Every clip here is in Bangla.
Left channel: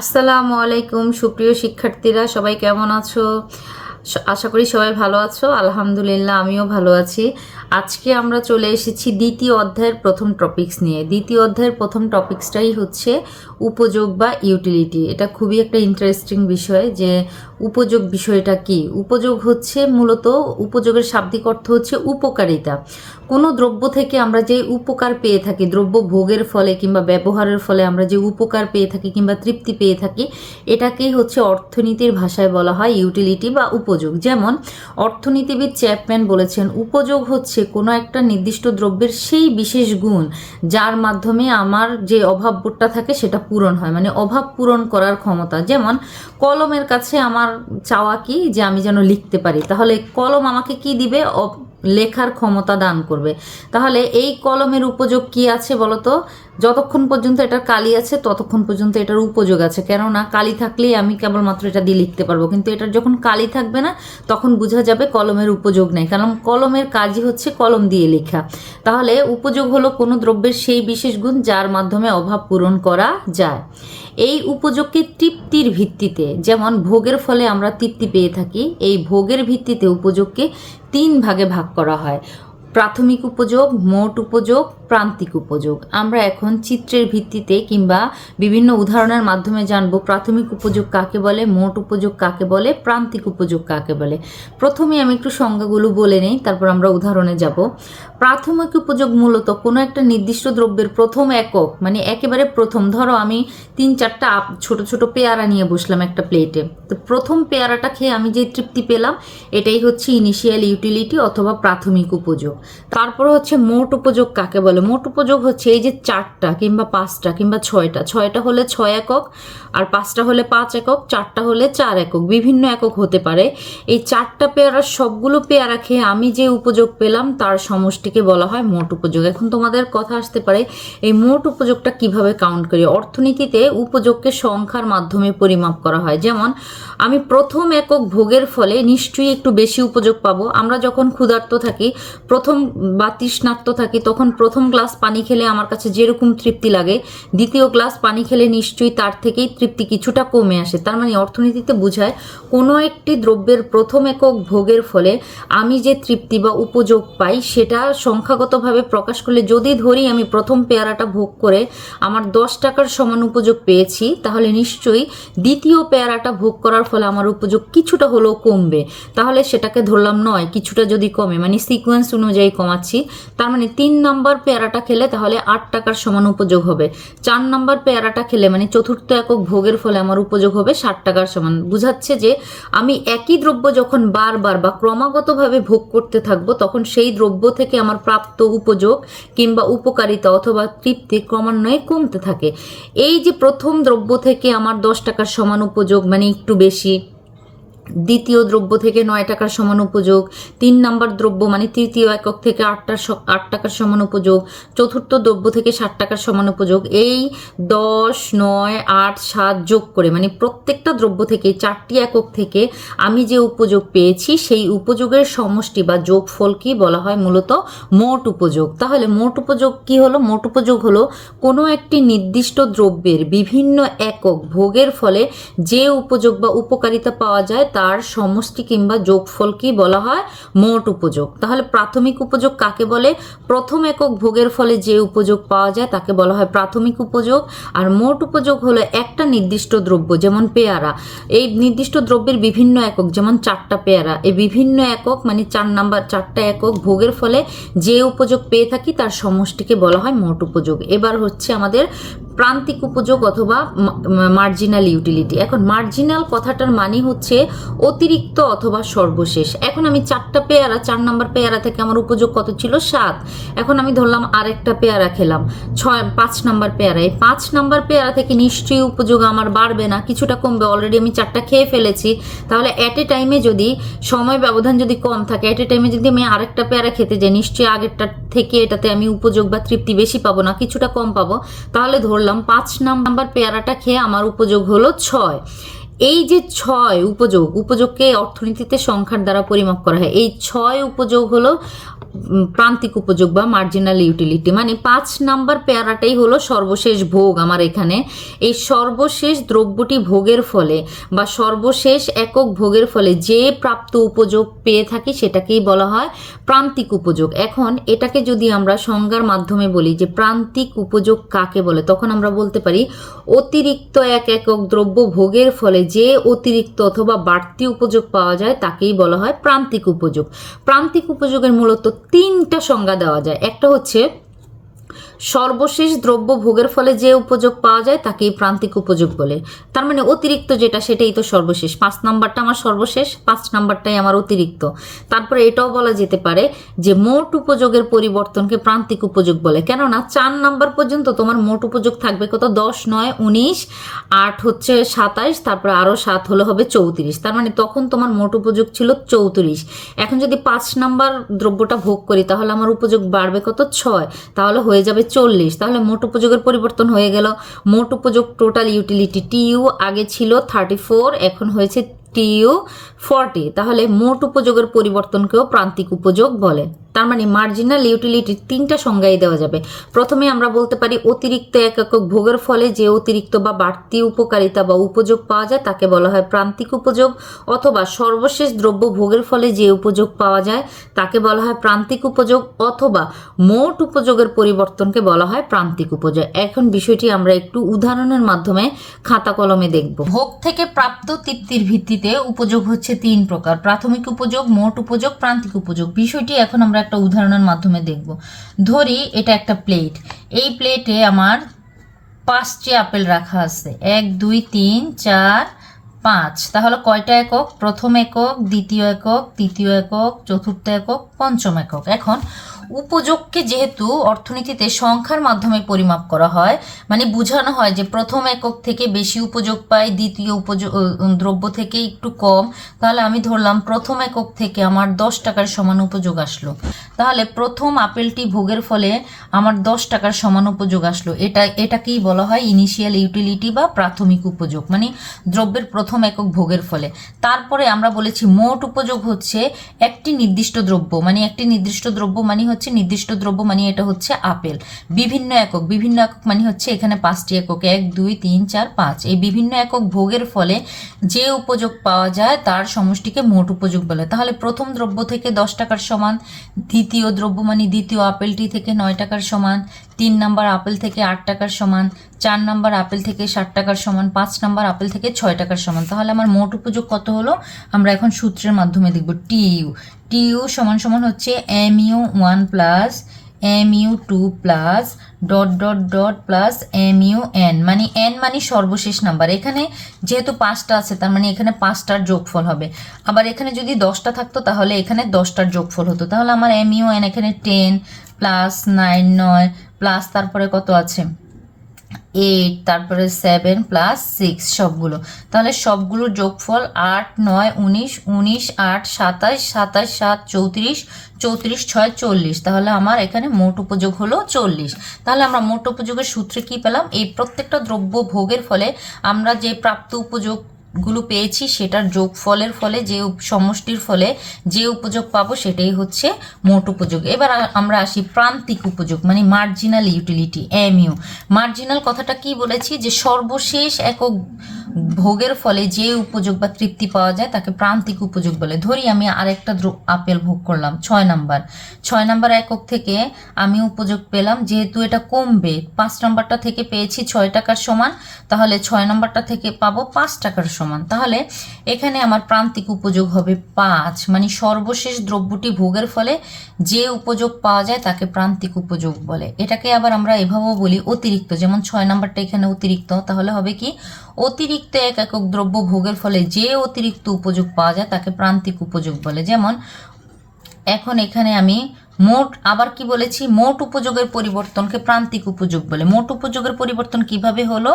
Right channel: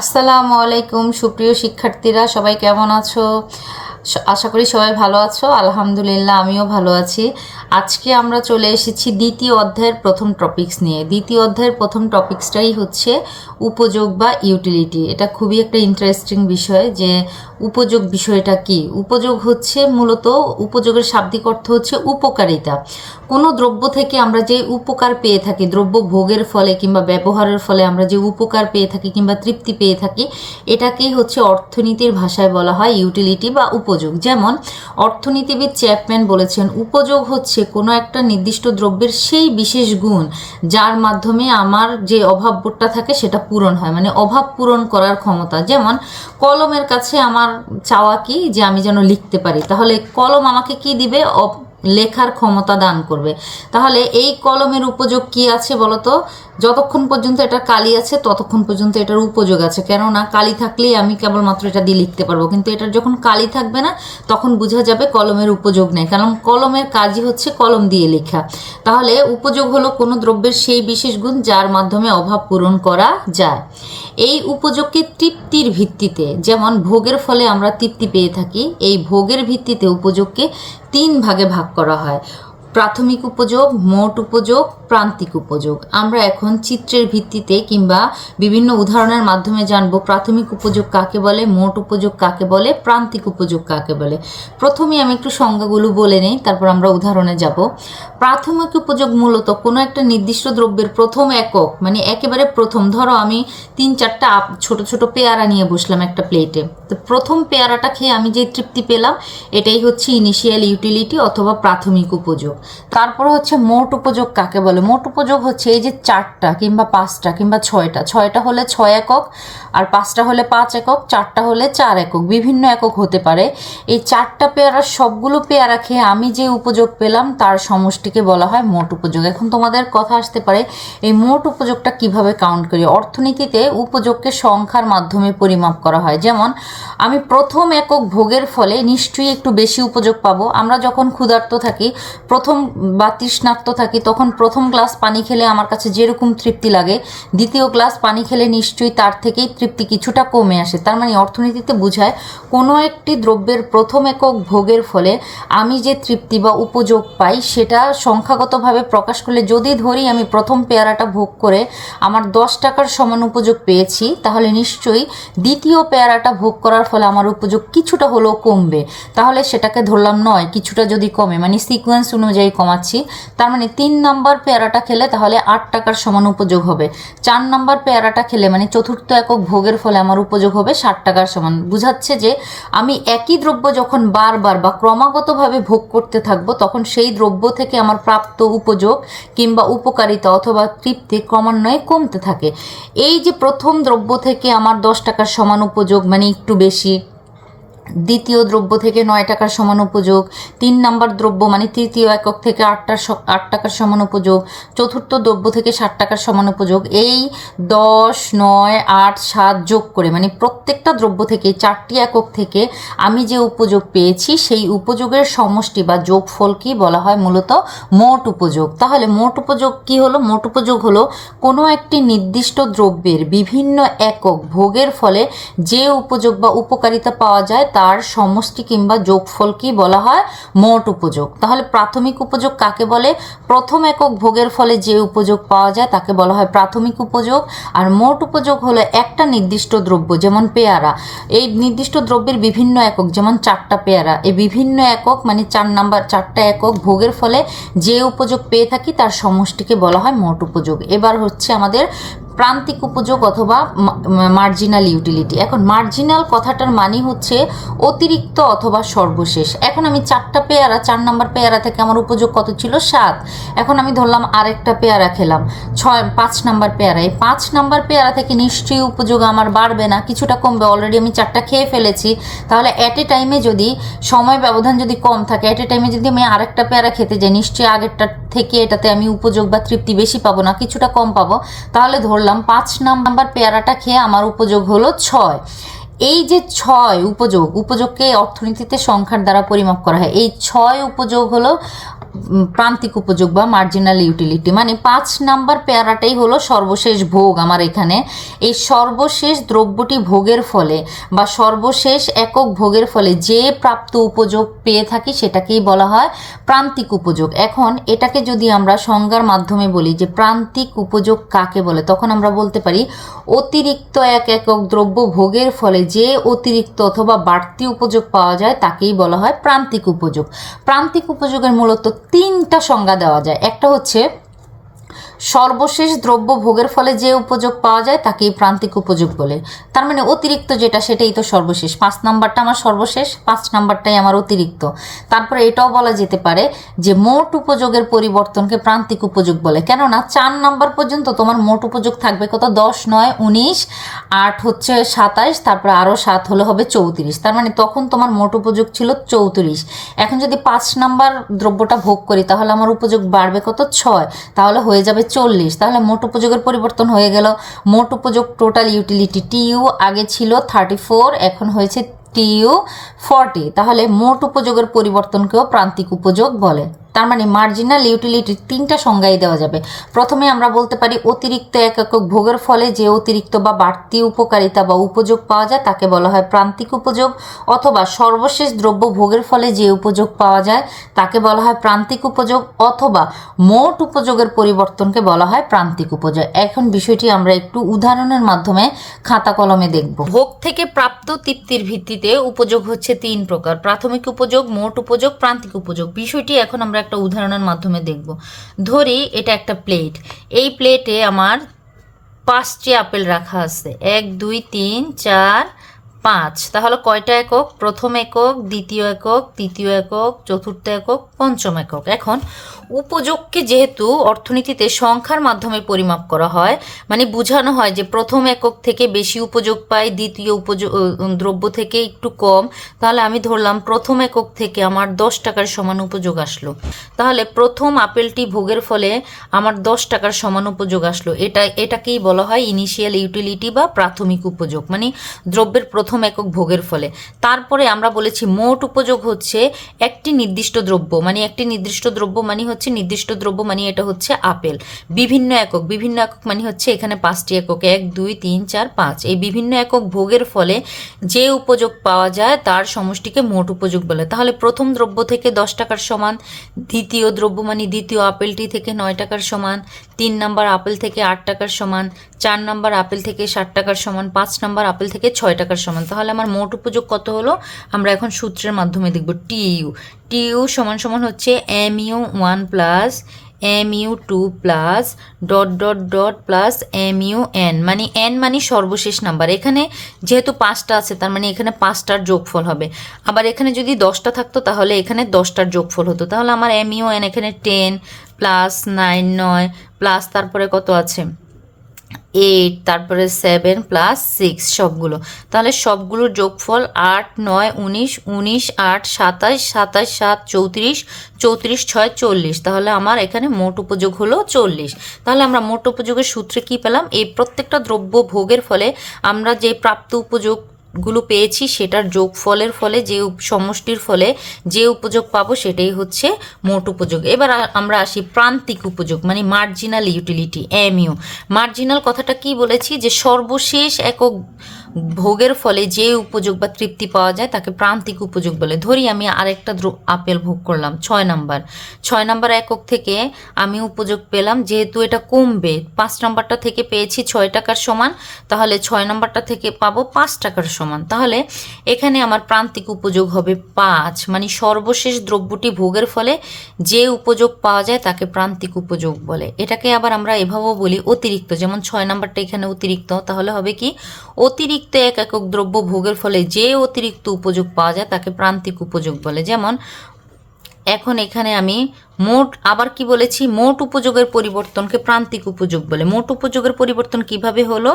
আসসালামু আলাইকুম, সুপ্রিয় শিক্ষার্থীরা, সবাই কেমন আছো? আশা করি সবাই ভালো আছো। আলহামদুলিল্লাহ, আমিও ভালো আছি। আজকে আমরা চলে এসেছি দ্বিতীয় অধ্যায়ের প্রথম টপিক্স নিয়ে। দ্বিতীয় অধ্যায়ের প্রথম টপিকসটাই হচ্ছে উপযোগ বা ইউটিলিটি এটা খুবই একটা ইন্টারেস্টিং বিষয় যে উপযোগ বিষয়টা কি? উপযোগ হচ্ছে মূলত, উপযোগের শাব্দিক অর্থ হচ্ছে উপকারিতা। কোনো দ্রব্য থেকে আমরা যে উপকার পেয়ে থাকি, দ্রব্য ভোগের ফলে কিংবা ব্যবহারের ফলে আমরা যে উপকার পেয়ে থাকি কিংবা তৃপ্তি পেয়ে থাকি, এটাকেই হচ্ছে অর্থনীতির ভাষায় বলা হয় ইউটিলিটি বা উপযোগ। যেমন, অর্থনীতিবিদ চ্যাপম্যান বলেছেন, উপযোগ হচ্ছে কোনো একটা নির্দিষ্ট দ্রব্যের সেই বিশেষ গুণ, যার মাধ্যমে আমার যে অভাববোধটা থাকে সেটা পূরণ হয়। মানে অভাব পূরণ করার ক্ষমতা। যেমন কলমের কাছে আমার চাওয়া কি? যে আমি যেন লিখতে পারি। তাহলে কলম আমাকে কি দিবে? লেখার ক্ষমতা দান করবে। তাহলে এই কলমের উপযোগ কি আছে বলতো? যতক্ষণ পর্যন্ত এটার কালি আছে, ততক্ষণ পর্যন্ত এটার উপযোগ আছে। কেননা কালি থাকলেই আমি কেবলমাত্র এটা দিয়ে লিখতে পারব। কিন্তু এটার যখন কালি থাকবে না, তখন বোঝা যাবে কলমের উপযোগ নেই। কারণ কলমের কাজই হচ্ছে কলম দিয়ে লেখা। তাহলে উপযোগ হলো কোনো দ্রব্যের সেই বিশেষ গুণ যার মাধ্যমে অভাব পূরণ করা যায়। এই উপযোগকে তৃপ্তির ভিত্তিতে, যেমন ভোগের ফলে আমরা তৃপ্তি পেয়ে থাকি, এই ভোগের ভিত্তিতে উপযোগকে তিন ভাগে ভাগ করা হয়। প্রাথমিক উপযোগ, মোট উপযোগ, প্রান্তিক উপযোগ। আমরা এখন চিত্রের ভিত্তিতে কিংবা বিভিন্ন উদাহরণের মাধ্যমে জানব প্রাথমিক উপযোগ কাকে বলে, মোট উপযোগ কাকে বলে, প্রান্তিক উপযোগ কাকে বলে। প্রথমে আমি একটু সংজ্ঞাগুলো বলে নেই, তারপর আমরা উদাহরণে যাব। প্রাথমিক উপযোগ মূলত কোনো একটা নির্দিষ্ট দ্রব্যের প্রথম একক মানে একেবারে প্রথম। ধরো আমি তিন চারটা ছোট ছোট পেয়ারা নিয়ে বসলাম একটা প্লেটে। তো প্রথম পেয়ারাটা খেয়ে আমি যে তৃপ্তি পেলাম, এটাই হচ্ছে ইনিশিয়াল ইউটিলিটি অথবা প্রাথমিক উপযোগ। তারপর হচ্ছে মোট উপযোগ কাকে বলে? মোট উপযোগ হচ্ছে এই যে চারটা কিংবা পাঁচটা কিংবা ছয়টা। ছয়টা হলে ছয় একক আর পাঁচটা হলে পাঁচ একক, চারটা হলে চার একক। বিভিন্ন একক হতে পারে। এই চারটা পেয়ারার সবগুলো পেয়ারা খেয়ে আমি যে উপযোগ পেলাম তার সমষ্টিকে বলা হয় মোট উপযোগ। এখন তোমাদের কথা আসতে পারে, এই মোট উপযোগটা কীভাবে কাউন্ট করি? অর্থনীতিতে উপযোগকে সংখ্যার মাধ্যমে পরিমাপ করা হয়। যেমন, আমি প্রথম একক ভোগের ফলে নিশ্চয়ই একটু বেশি উপযোগ পাবো। আমরা যখন ক্ষুধার্ত থাকি, প্রথম বা তৃষ্ণার্ত থাকি, তখন প্রথম গ্লাস পানি খেলে আমার কাছে যেরকম তৃপ্তি লাগে। দ্বিতীয় গ্লাস পানি খেলে নিশ্চয়ই তার থেকেই তৃপ্তি কিছুটা কমে আসে। তার মানে অর্থনীতিতে বোঝায়, কোনো একটি দ্রব্যের প্রথম একক ভোগের ফলে আমি যে তৃপ্তি বা উপযোগ পাই, সেটা সংখ্যাগতভাবে প্রকাশ করলে যদি ধরি আমি প্রথম পেয়ারাটা ভোগ করে আমার দশ টাকার সমান উপযোগ পেয়েছি, তাহলে নিশ্চয়ই দ্বিতীয় পেয়ারাটা ভোগ করার ফলে আমার উপযোগ কিছুটা হলেও কমবে। তাহলে সেটাকে ধরলাম নয়, কিছুটা যদি কমে। মানে সিকোয়েন্স অনুযায়ী কমাচ্ছি। তার মানে তিন নম্বর পেয়ারাটা খেলে তাহলে আট টাকার সমান উপযোগ হবে। চার নাম্বার পেয়ারাটা খেলে মানে চতুর্থ একক ভোগের ফলে আমার উপযোগ হবে ষাট টাকার সমান। বুঝাচ্ছে যে আমি একই দ্রব্য যখন বারবার বা ক্রমাগতভাবে ভোগ করতে থাকব, তখন সেই দ্রব্য থেকে আমার প্রাপ্ত উপযোগ কিংবা উপকারিতা অথবা তৃপ্তি ক্রমান্বয়ে কমতে থাকে। এই যে প্রথম দ্রব্য থেকে আমার দশ টাকার সমান উপযোগ মানে একটু বেশি দ্বিতীয় দ্রব্য থেকে নয় টাকার সমান উপযোগ, তিন নাম্বার দ্রব্য মানে তৃতীয় একক থেকে আটটার আট টাকার সমান উপযোগ, চতুর্থ দ্রব্য থেকে ষাট টাকার সমান উপযোগ। এই দশ, নয়, আট, সাত যোগ করে মানে প্রত্যেকটা দ্রব্য থেকে চারটি একক থেকে আমি যে উপযোগ পেয়েছি, সেই উপযোগের সমষ্টি বা যোগফলকেই বলা হয় মূলত? মোট উপযোগ। তাহলে মোট উপযোগ কি হলো? মোট উপযোগ হলো কোনো একটি নির্দিষ্ট দ্রব্যের বিভিন্ন একক ভোগের ফলে যে উপযোগ বা উপকারিতা পাওয়া যায় তার সমষ্টি কিংবা যোগফলকেই বলা হয়? মোট উপযোগ। তাহলে প্রাথমিক উপযোগ কাকে বলে? প্রথম একক ভোগের ফলে যে উপযোগ পাওয়া যায় তাকে বলা হয় প্রাথমিক উপযোগ। আর মোট উপযোগ হলো একটা নির্দিষ্ট দ্রব্য, যেমন পেয়ারা। এই নির্দিষ্ট দ্রব্যের বিভিন্ন একক, যেমন চারটা পেয়ারা। এই বিভিন্ন একক মানে চার নাম্বার, চারটা একক ভোগের ফলে যে উপযোগ পেয়ে থাকি তার সমষ্টিকে বলা হয় মোট উপযোগ। এবার হচ্ছে আমাদের প্রান্তিক উপযোগ অথবা মার্জিনাল ইউটিলিটি এখন মার্জিনাল কথাটার মানে হচ্ছে অতিরিক্ত অথবা সর্বশেষ। এখন আমি চারটা পেয়ারা, চার নাম্বার পেয়ারা থেকে আমার উপযোগ কত ছিল? সাত। এখন আমি ধরলাম আরেকটা পেয়ারা খেলাম। ছয়, পাঁচ নাম্বার পেয়ারা। এই পাঁচ নাম্বার পেয়ারা থেকে নিশ্চয়ই উপযোগ আমার বাড়বে না, কিছুটা কমবে। অলরেডি আমি চারটা খেয়ে ফেলেছি। তাহলে অ্যাট এ টাইমে যদি সময় ব্যবধান যদি কম থাকে অ্যাট এ টাইমে যদি আমি আরেকটা পেয়ারা খেতে যাই, নিশ্চয়ই আগেরটা থেকে এটাতে আমি উপযোগ বা তৃপ্তি বেশি পাবো না, কিছুটা কম পাবো, তাহলে ধরলাম পাঁচ নাম্বার পেয়ারাটা খেয়ে আমার উপযোগ হলো ছয়। এই যে ছয় উপযোগ, উপযোগকে অর্থনীতিতে সংখ্যার দ্বারা পরিমাপ করা হয়, এই ছয় উপযোগ হলো প্রান্তিক উপযোগ বা মার্জিনাল ইউটিলিটি মানে পাঁচ নাম্বার পেয়ারাটাই হলো সর্বশেষ ভোগ আমার এখানে। এই সর্বশেষ দ্রব্যটি ভোগের ফলে বা সর্বশেষ একক ভোগের ফলে যে প্রাপ্ত উপযোগ পেয়ে থাকি সেটাকেই বলা হয় প্রান্তিক উপযোগ। এখন এটাকে যদি আমরা সংজ্ঞার মাধ্যমে বলি যে প্রান্তিক উপযোগ কাকে বলে, তখন আমরা বলতে পারি অতিরিক্ত এক একক দ্রব্য ভোগের ফলে যে অতিরিক্ত অথবা বাড়তি উপযোগ পাওয়া যায় তাকেই বলা হয় প্রান্তিক উপযোগ। প্রান্তিক উপযোগের মূলত তিনটা সংজ্ঞা দেওয়া যায়। একটা হচ্ছে সর্বশেষ দ্রব্য ভোগের ফলে যে উপযোগ পাওয়া যায় তাকেই প্রান্তিক উপযোগ বলে। তার মানে অতিরিক্ত যেটা, সেটাই তো সর্বশেষ। পাঁচ নাম্বারটা আমার সর্বশেষ, পাঁচ নাম্বারটাই আমার অতিরিক্ত। তারপরে এটাও বলা যেতে পারে যে মোট উপযোগের পরিবর্তনকে প্রান্তিক উপযোগ বলে। কেননা চার নাম্বার পর্যন্ত তোমার মোট উপযোগ থাকবে কত? দশ, নয়, উনিশ, আট হচ্ছে সাতাইশ তারপরে আরও সাত হলে হবে চৌত্রিশ। তার মানে তখন তোমার মোট উপযোগ ছিল চৌত্রিশ। এখন যদি পাঁচ নাম্বার দ্রব্যটা ভোগ করি, তাহলে আমার উপযোগ বাড়বে কত? ছয়। তাহলে হয়ে যাবে চল্লিশ। তাহলে মোট উপযোগের পরিবর্তন হয়ে গেল। মোট উপযোগ টোটাল ইউটিলিটি টিইউ আগে ছিল থার্টি ফোর এখন হয়েছে টিইউ ফর্টি, তাহলে মোট উপযোগের পরিবর্তনকেও প্রান্তিক উপযোগ বলে। তার মানে মার্জিনাল ইউটিলিটির তিনটা সংজ্ঞাই দেওয়া যাবে। প্রথমে আমরা বলতে পারি অতিরিক্ত এক একক ভোগের ফলে যে অতিরিক্ত বা বাড়তি উপকারিতা বা উপযোগ পাওয়া যায়, তাকে বলা হয় প্রান্তিক উপযোগ, অথবা সর্বশেষ দ্রব্য ভোগের ফলে যে উপযোগ পাওয়া যায়, তাকে বলা হয় প্রান্তিক উপযোগ, অথবা মোট উপযোগের পরিবর্তনকে বলা হয় প্রান্তিক উপযোগ। এখন বিষয়টি আমরা একটু উদাহরণের মাধ্যমে খাতা কলমে দেখব। ভোগ থেকে প্রাপ্ত তৃপ্তির ভিত্তিতে উপযোগ হচ্ছে তিন প্রকার। প্রাথমিক উপযোগ, মোট উপযোগ, প্রান্তিক উপযোগ। বিষয়টি এখন আমরা একটা উদাহরণের মাধ্যমে দেখব। ধরি, এটা একটা প্লেট। এই প্লেটে আমার পাঁচটি আপেল রাখা আছে। এক, দুই, তিন, চার, পাঁচ। তাহলে কয়টা একক? প্রথম একক, দ্বিতীয় একক, তৃতীয় একক, চতুর্থ একক, পঞ্চম একক। এখন উপযোগকে যেহেতু অর্থনীতিতে সংখ্যার মাধ্যমে পরিমাপ করা হয় মানে বোঝানো হয় যে প্রথম একক থেকে বেশি উপযোগ পাই, দ্বিতীয় উপযোগ দ্রব্য থেকে একটু কম, তাহলে আমি ধরলাম প্রথম একক থেকে আমার দশ টাকার সমান উপযোগ আসলো। তাহলে প্রথম আপেলটি ভোগের ফলে আমার দশ টাকার সমান উপযোগ আসলো। এটা, এটাকেই বলা হয় ইনিশিয়াল ইউটিলিটি বা প্রাথমিক উপযোগ মানে দ্রব্যের প্রথম একক ভোগের ফলে। তারপরে আমরা বলেছি মোট উপযোগ হচ্ছে একটি নির্দিষ্ট দ্রব্য মানে একটি নির্দিষ্ট দ্রব্য মানে হচ্ছে নির্দিষ্ট দ্রব্য মানে এটা হচ্ছে আপেল। বিভিন্ন একক বিভিন্ন একক মানে হচ্ছে এখানে পাঁচটি একক, এক, দুই, তিন, চার, পাঁচ। এই বিভিন্ন একক ভোগের ফলে যে উপযোগ পাওয়া যায়, তার সমষ্টিকে মোট উপযোগ বলে। তাহলে প্রথম দ্রব্য থেকে দশ টাকার সমান, দ্বিতীয় দ্রব্য মানে দ্বিতীয় আপেলটি থেকে নয় টাকার সমান, তিন নম্বর আপেল থেকে আট টাকার সমান, চার নম্বর আপেল থেকে ষাট টাকার সমান, পাঁচ নম্বর আপেল থেকে ছয় টাকার সমান। তাহলে আমার মোট উপযোগ কত হলো? আমরা এখন সূত্রের মাধ্যমে দেখব টিইউ টিইউ সমান সমান হচ্ছে M U one plus M U two plus dot dot dot plus M U N মানে এন মানে সর্বশেষ নাম্বার এখানে যেহেতু পাঁচটা আছে, তার মানে এখানে পাঁচটার যোগফল হবে। আবার এখানে যদি দশটা থাকতো, তাহলে এখানে দশটার যোগফল হতো। তাহলে আমার এম ইউ এন এখানে টেন প্লাস নাইন নয় প্লাস তারপরে কত আছে? এইট, তারপরে সেভেন প্লাস সিক্স সবগুলো। তাহলে সবগুলোর যোগফল আট, নয়, উনিশ উনিশ, আট, সাতাশ সাতাশ, সাত, চৌত্রিশ চৌত্রিশ, ছয়, চল্লিশ। তাহলে আমার এখানে মোট উপযোগ হলো চল্লিশ। তাহলে আমরা মোট উপযোগের সূত্রে কি পেলাম? এই প্রত্যেকটা দ্রব্য ভোগের ফলে আমরা যে প্রাপ্ত উপযোগ গুলো পেয়েছি, সেটার যোগফলের ফলে, যে সমষ্টির ফলে যে উপযোগ পাবো সেটাই হচ্ছে মোট উপযোগ। এবার আমরা আসি প্রান্তিক উপযোগ মানে মার্জিনাল ইউটিলিটি এমইউ মার্জিনাল কথাটা কি বলেছি? যে সর্বশেষ একক ভোগের ফলে যে উপযোগ বা তৃপ্তি পাওয়া যায় তাকে প্রান্তিক উপযোগ বলে। ধরি আমি আরেকটা আপেল ভোগ করলাম, ছয় নাম্বার। ছয় নাম্বার একক থেকে আমি উপযোগ পেলাম, যেহেতু এটা কমবে, পাঁচ নাম্বারটা থেকে পেয়েছি ছয় টাকার সমান, তাহলে ছয় নাম্বারটা থেকে পাবো পাঁচ টাকার সমান। তাহলে এখানে আমার প্রান্তিক উপযোগ হবে পাঁচ। মানে সর্বশেষ দ্রব্যটি ভোগের ফলে যে উপযোগ পাওয়া যায় তাকে প্রান্তিক উপযোগ বলে। এটাকে আবার আমরা এভাবেও বলি অতিরিক্ত। যেমন ছয় নাম্বারটা এখানে অতিরিক্ত। তাহলে হবে কি? অতিরিক্ত এক একক দ্রব্য ভোগের ফলে যে অতিরিক্ত উপযোগ পাওয়া যায় তাকে প্রান্তিক উপযোগ বলে। যেমন এখন এখানে আমি মোট, আবার কি বলেছি? মোট উপযোগের পরিবর্তনকে প্রান্তিক উপযোগ বলে। মোট উপযোগের পরিবর্তন কীভাবে হলো?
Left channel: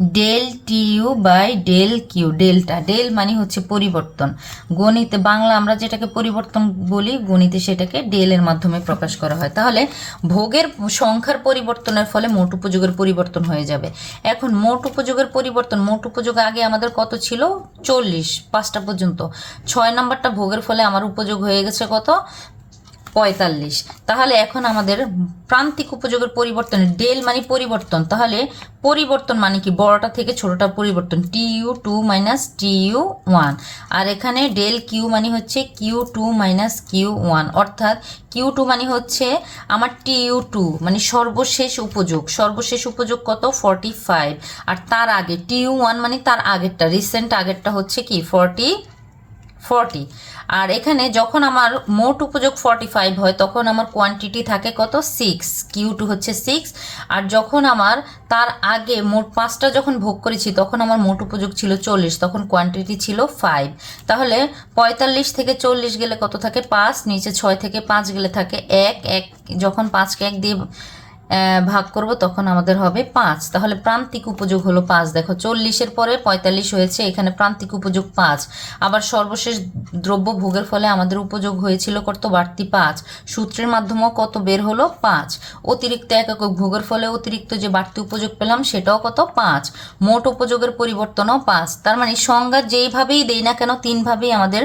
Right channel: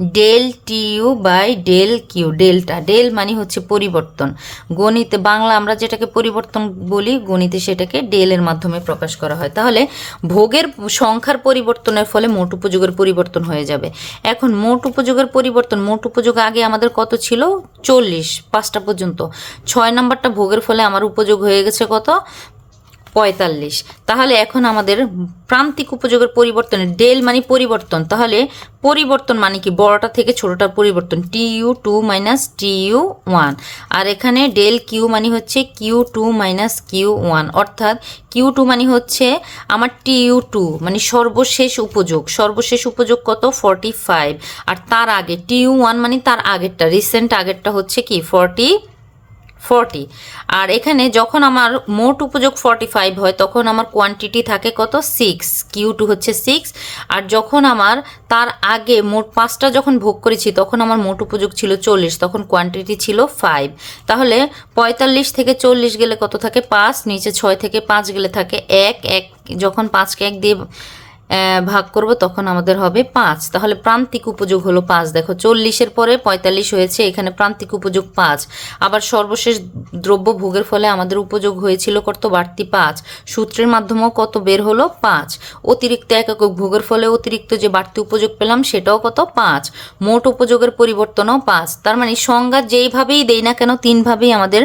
Del TU by del Q delta del মানে হচ্ছে পরিবর্তন। গণিতে, বাংলা আমরা যেটাকে পরিবর্তন বলি, গণিতে সেটাকে ডেলের মাধ্যমে প্রকাশ করা হয়। তাহলে ভোগের সংখ্যার পরিবর্তনের ফলে মোট উপযোগের পরিবর্তন হয়ে যাবে। এখন মোট উপযোগের পরিবর্তন, মোট উপযোগ আগে আমাদের কত ছিল? চল্লিশ, পাঁচটা পর্যন্ত। ছয় নম্বরটা ভোগের ফলে আমার উপযোগ হয়ে গেছে কত? পঁয়তাল্লিশ। তাহলে এখন আমাদের প্রান্তিক উপযোগের পরিবর্তন ডেল মানে পরিবর্তন। তাহলে পরিবর্তন মানে কি? বড়টা থেকে ছোটটার পরিবর্তন। T U two minus T U one আর এখানে ডেল কিউ মানে হচ্ছে Q two minus Q one অর্থাৎ কিউ টু মানে হচ্ছে আমার টি ইউ টু মানে সর্বশেষ উপযোগ। সর্বশেষ উপযোগ কত? ফর্টি ফাইভ আর তার আগে টি ইউ ওয়ান মানে তার আগেরটা রিসেন্ট আগেরটা হচ্ছে কি? Forty forty. আর এখানে যখন আমার মোট উপযোগ ফর্টি ফাইভ হয়, তখন আমার কোয়ান্টিটি থাকে কত? সিক্স। কিউ টু হচ্ছে সিক্স। আর যখন আমার তার আগে মোট পাঁচটা যখন ভোগ করেছি, তখন আমার মোট উপযোগ ছিল চল্লিশ, তখন কোয়ান্টিটি ছিল ফাইভ। তাহলে পঁয়তাল্লিশ থেকে চল্লিশ গেলে কত থাকে? পাঁচ। নিচে ছয় থেকে পাঁচ গেলে থাকে এক। এক যখন পাঁচকে এক দিয়ে ভাগ করব, তখন আমাদের হবে পাঁচ। তাহলে প্রান্তিক উপযোগ হলো পাঁচ। দেখো, চল্লিশের পরে পঁয়তাল্লিশ হয়েছে, এখানে প্রান্তিক উপযোগ পাঁচ। আবার সর্বশেষ দ্রব্য ভোগের ফলে আমাদের উপযোগ হয়েছিল কত? বাড়তি পাঁচ। সূত্রের মাধ্যমেও কত বের হলো? পাঁচ। অতিরিক্ত একক ভোগের ফলে অতিরিক্ত যে বাড়তি উপযোগ পেলাম, সেটাও কত? পাঁচ। মোট উপযোগের পরিবর্তনও পাঁচ। তার মানে সংজ্ঞা যেইভাবেই দেই না কেন, তিনভাবেই আমাদের